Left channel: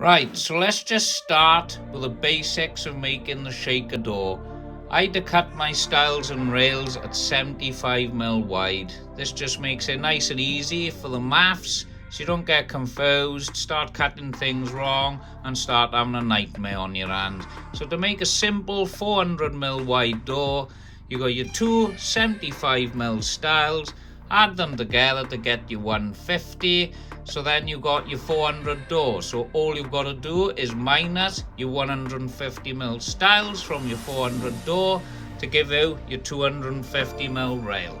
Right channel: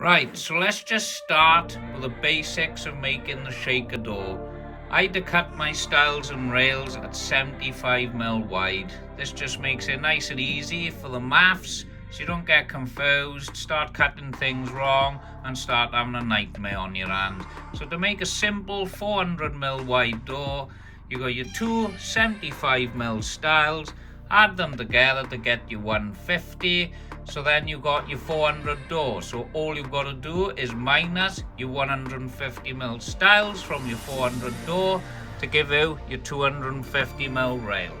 Right, so let's just start with the basics of making the shaker door. I had to cut my stiles and rails at 75mm wide. This just makes it nice and easy for the maths, so you don't get confused, start cutting things wrong and start having a nightmare on your hand. So to make a simple 400mm wide door, you got your two 75mm stiles, add them together to get your 150. So then you got your 400 door. So all you've got to do is minus your 150mm stiles from your 400 door to give you your 250mm rail.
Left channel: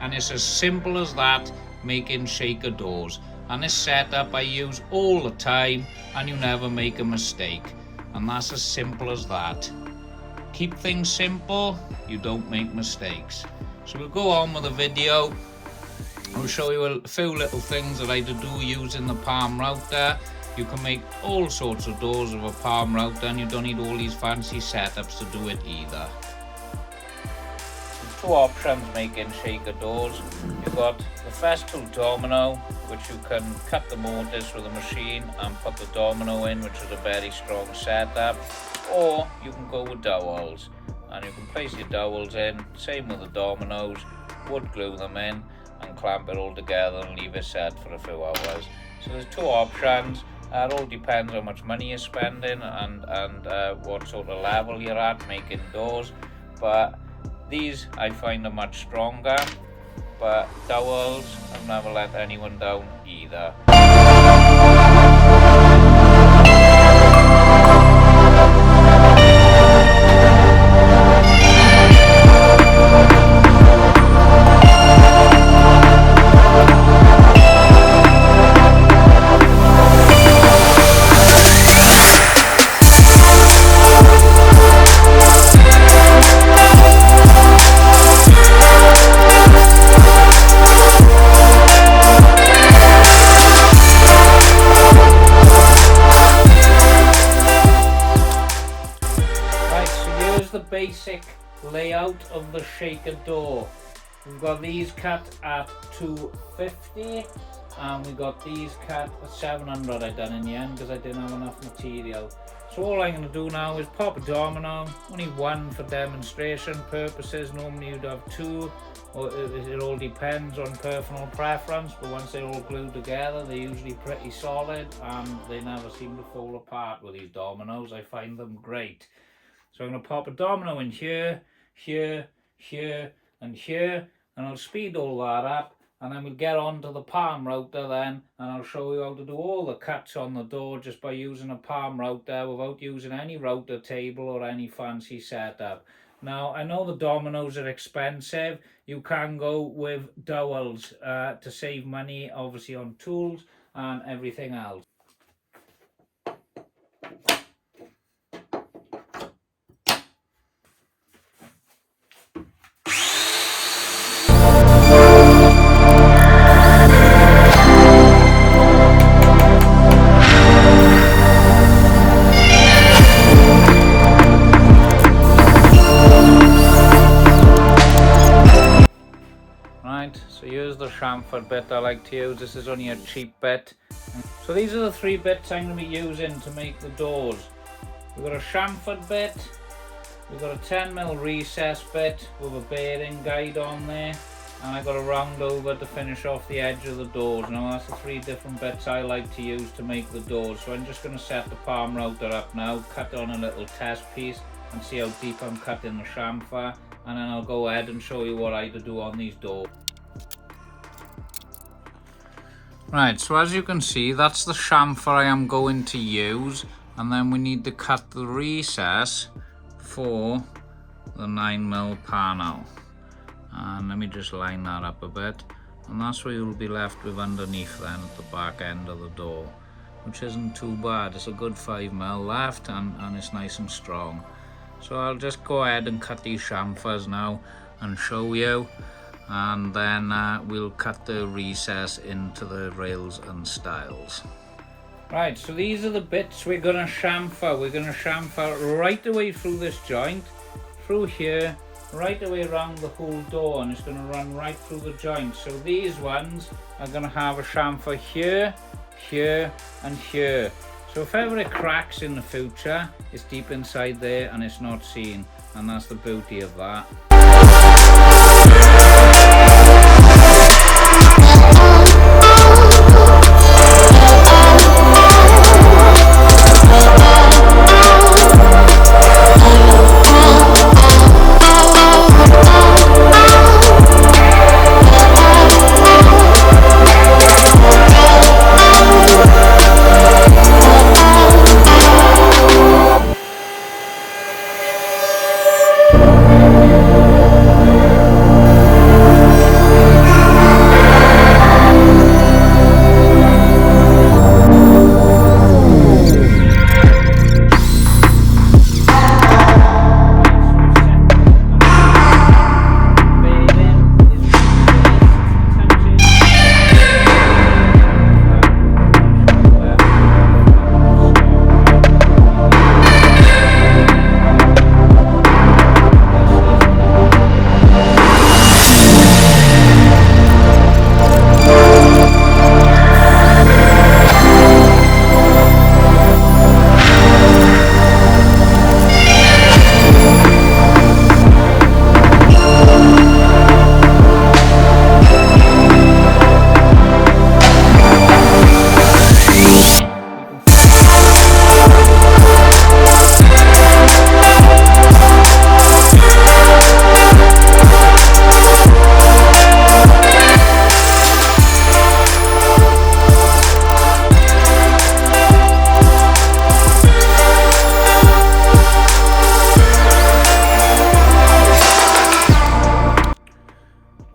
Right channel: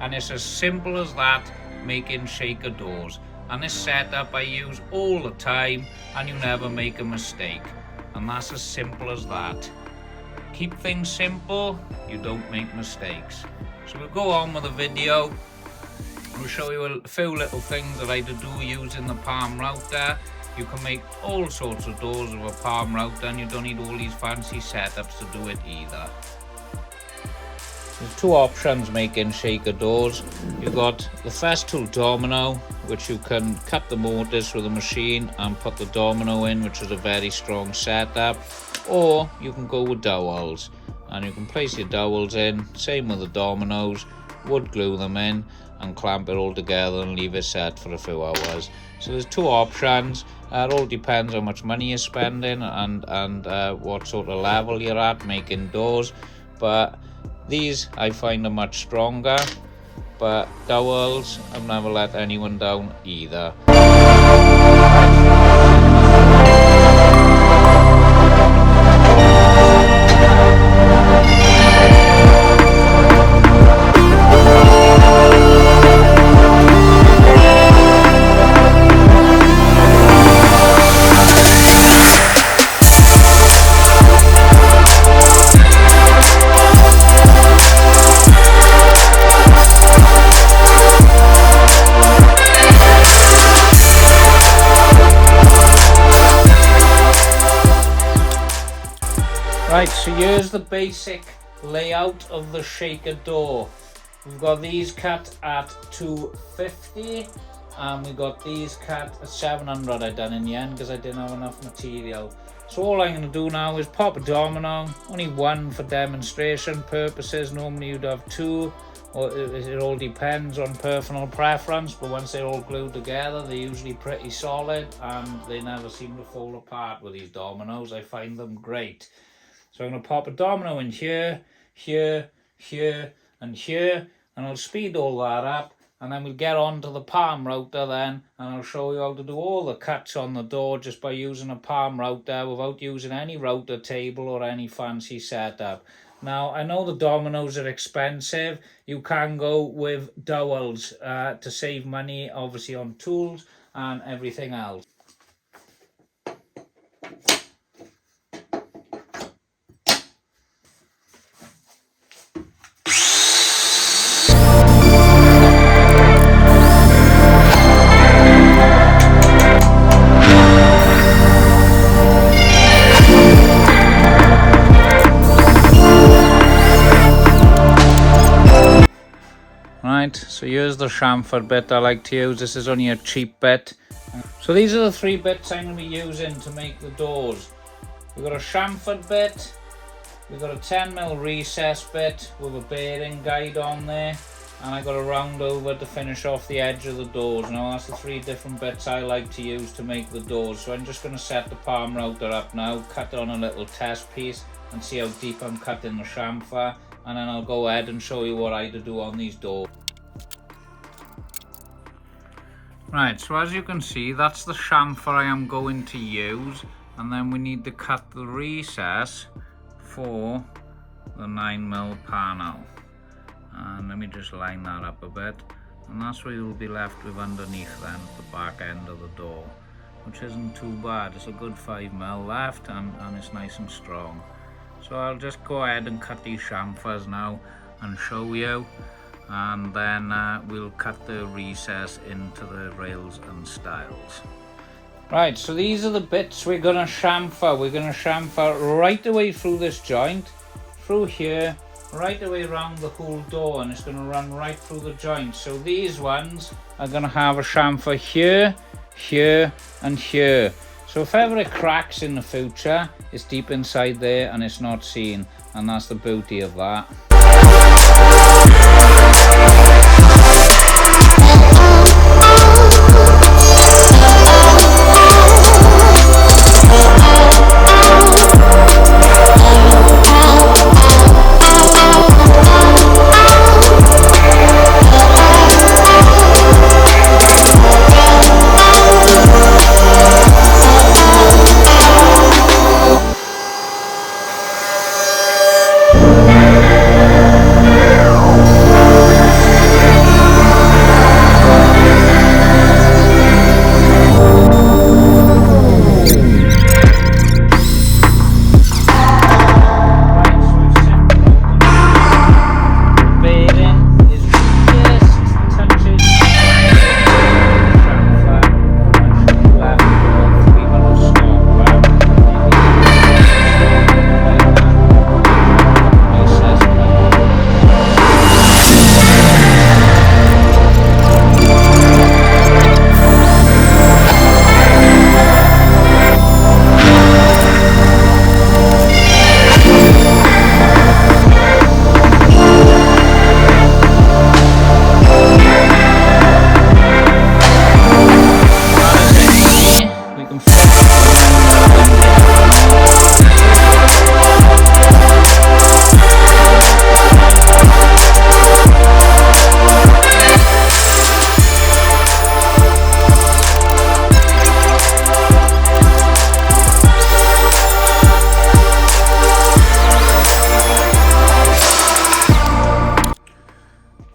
And it's as simple as that, making shaker doors. And this setup I use all the time and you never make a mistake. And that's as simple as that. Keep things simple, you don't make mistakes. So we'll go on with the video. I'll show you a few little things that I do using the palm router. You can make all sorts of doors with a palm router and you don't need all these fancy setups to do it either. There's two options making shaker doors. You've got the festool domino, which you can cut the mortise with a machine and put the domino in, which is a very strong setup. Or you can go with dowels and you can place your dowels in, same with the dominoes, wood glue them in and clamp it all together and leave it set for a few hours. So there's two options. It all depends how much money you're spending and what sort of level you're at making doors. But these I find are much stronger. But dowels, I've never let anyone down either. Right, so here's the basic layout of the shaker door. We've got these cut at 250 and we got these cut at 700 I done in the end because I didn't have enough material. So all I'm going to do now is pop a domino, only one for demonstration purposes. Normally you'd have two, or it all depends on personal preference, but once they're all glued together they're usually pretty solid and they never seem to fall apart with these dominoes. I find them great. So I'm going to pop a domino in here, here, here and here, and I'll speed all that up and then we'll get on to the palm router then and I'll show you how to do all the cuts on the door just by using a palm router without using any router table or any fancy setup. Now I know the dominoes are expensive. You can go with dowels to save money obviously on tools and everything else. So here's the chamfer bit I like to use. This is only a cheap bit. So these are the three bits I'm going to be using to make the doors. We've got a chamfered bit, we've got a 10mm recess bit with a bearing guide on there, and I got a round over to finish off the edge of the doors. Now that's the three different bits I like to use to make the doors. So I'm just going to set the palm router up now, cut on a little test piece and see how deep I'm cutting the chamfer, and then I'll go ahead and show you what I do on these doors. Right, so as you can see, that's the chamfer I am going to use, and then we need to cut the recess for the 9mm panel. And let me just line that up a bit, and that's what you'll be left with underneath then at the back end of the door, which isn't too bad. It's a good 5mm left and it's nice and strong. So I'll just go ahead and cut these chamfers now and show you, and then we'll cut the recess into the rails and stiles. Right, so these are the bits we're going to chamfer. We're going to chamfer right away through this joint, through here, right away around the whole door, and it's going to run right through the joint. So these ones are going to have a chamfer here, here and here. So if ever it cracks in the future, it's deep inside there and it's not seen, and that's the beauty of that.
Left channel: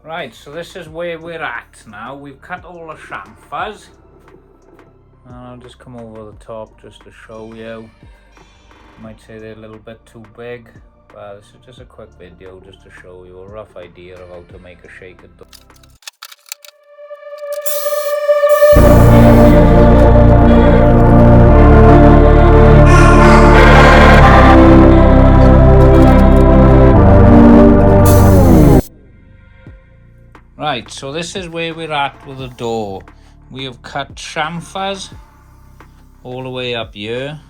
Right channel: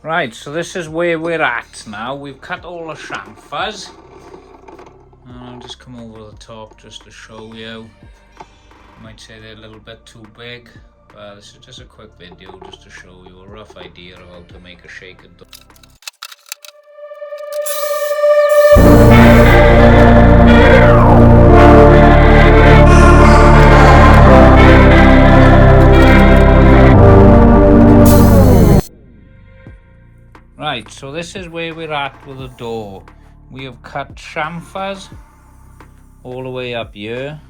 Right, so this is where we're at now. We've cut all the chamfers. I'll just come over the top just to show you. You might say they're a little bit too big, but this is just a quick video just to show you a rough idea of how to make a shaker door. Right, so this is where we're at with the door. We have cut chamfers all the way up here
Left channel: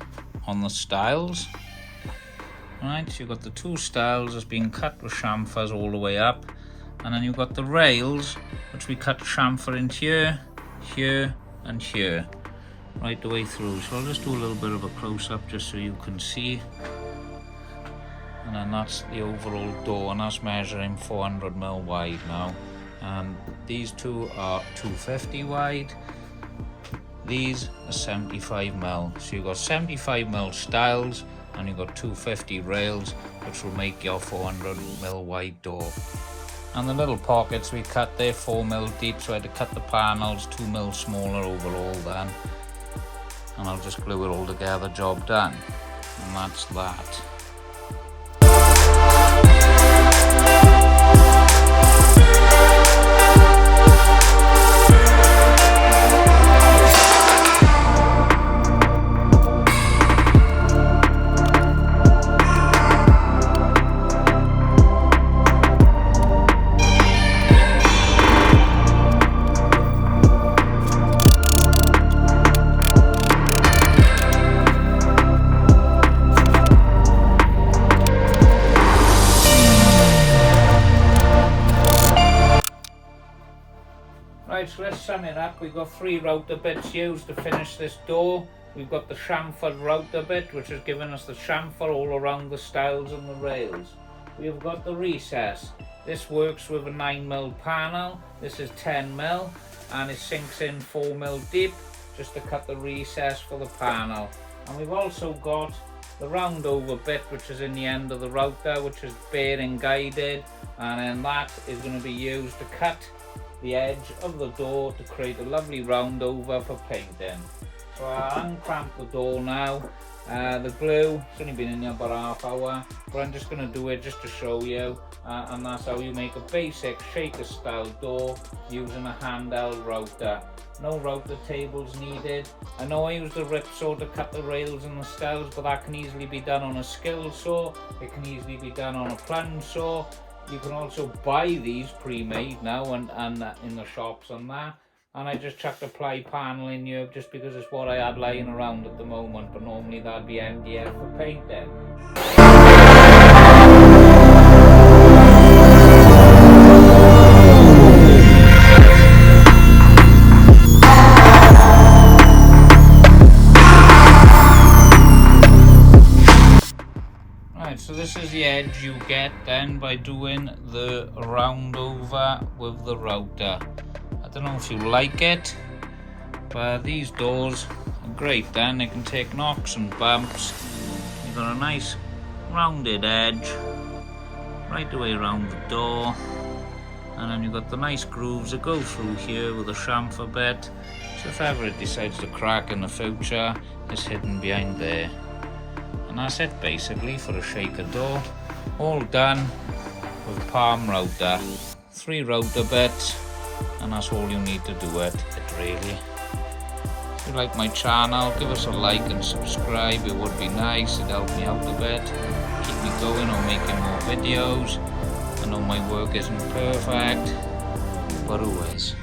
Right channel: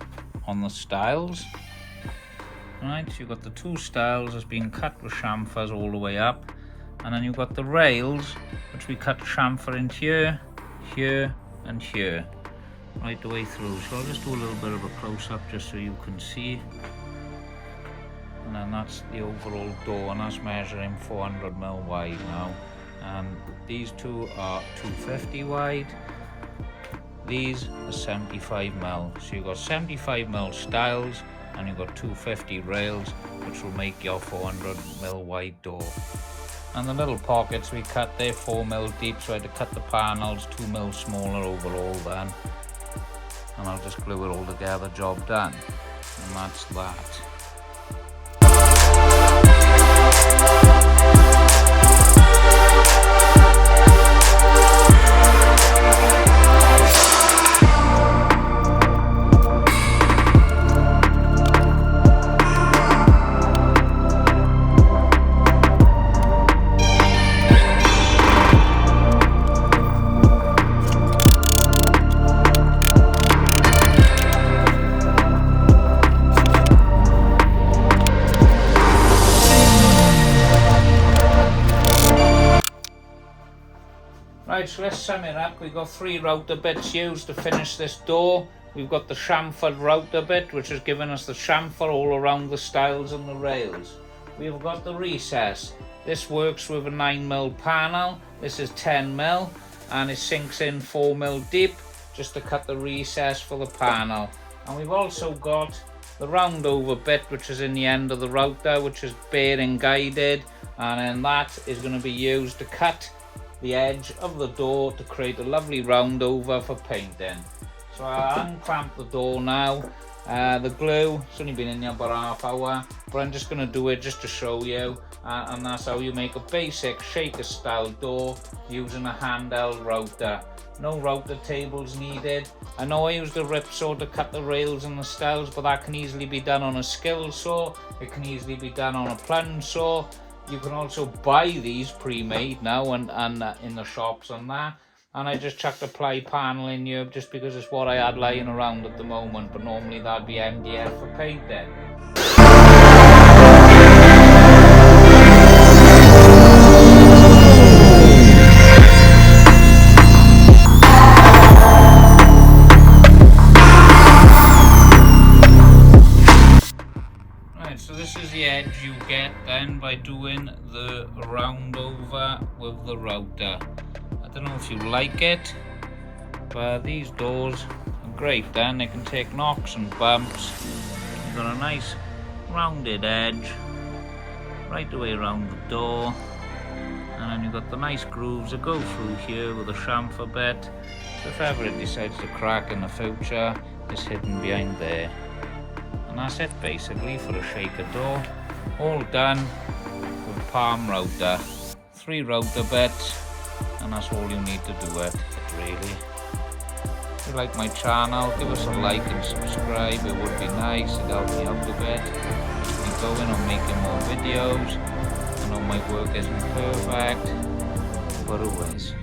on the stiles. Right, so you've got the two stiles that's been cut with chamfers all the way up, and then you've got the rails which we cut chamfer into here, here and here, right the way through. So I'll just do a little bit of a close-up just so you can see. And then that's the overall door, and that's measuring 400mm wide now. And these two are 250 wide, these are 75mm. So you've got 75mm stiles and you've got 250 rails, which will make your 400mm wide door. And the little pockets we cut there 4mm deep, so I had to cut the panels 2mm smaller overall then, and I'll just glue it all together, job done. And that's that. Right, so let's sum it up. We've got 3 router bits used to finish this door. We've got the chamfered router bit, which has given us the chamfer all around the stiles and the rails. We've got the recess. This works with a 9mm panel. This is 10mm, and it sinks in 4mm deep just to cut the recess for the panel. And we've also got the round over bit, which is in the end of the router, which is bearing guided, and then that is going to be used to cut the edge of the door to create a lovely round over for painting. So I'll unclamp the door now. The glue, it's only been in there about half hour, but I'm just going to do it just to show you, and that's how you make a basic shaker style door using a handheld router. No router tables needed. I know I used a rip saw to cut the rails and the stiles, but that can easily be done on a skill saw. It can easily be done on a plunge saw. You can also buy these pre-made now and in the shops and that. and I just chucked a ply panel in here just because it's what I had lying around at the moment, but normally that'd be MDF for painting. Right, so this is the edge you get then by doing the round over with the router. I don't know if you like it, but these doors are great then. They can take knocks and bumps. You've got a nice rounded edge right the way around the door, and then you've got the nice grooves that go through here with a chamfer bit, so if ever it decides to crack in the future, it's hidden behind there. And that's it basically for a shaker door, all done with palm router, 3 router bits, and that's all you need to do it really. If you like my channel, give us a like and subscribe, it would be nice, it'd help me out a bit, keep me going on making more videos. I know my work isn't perfect, but who is?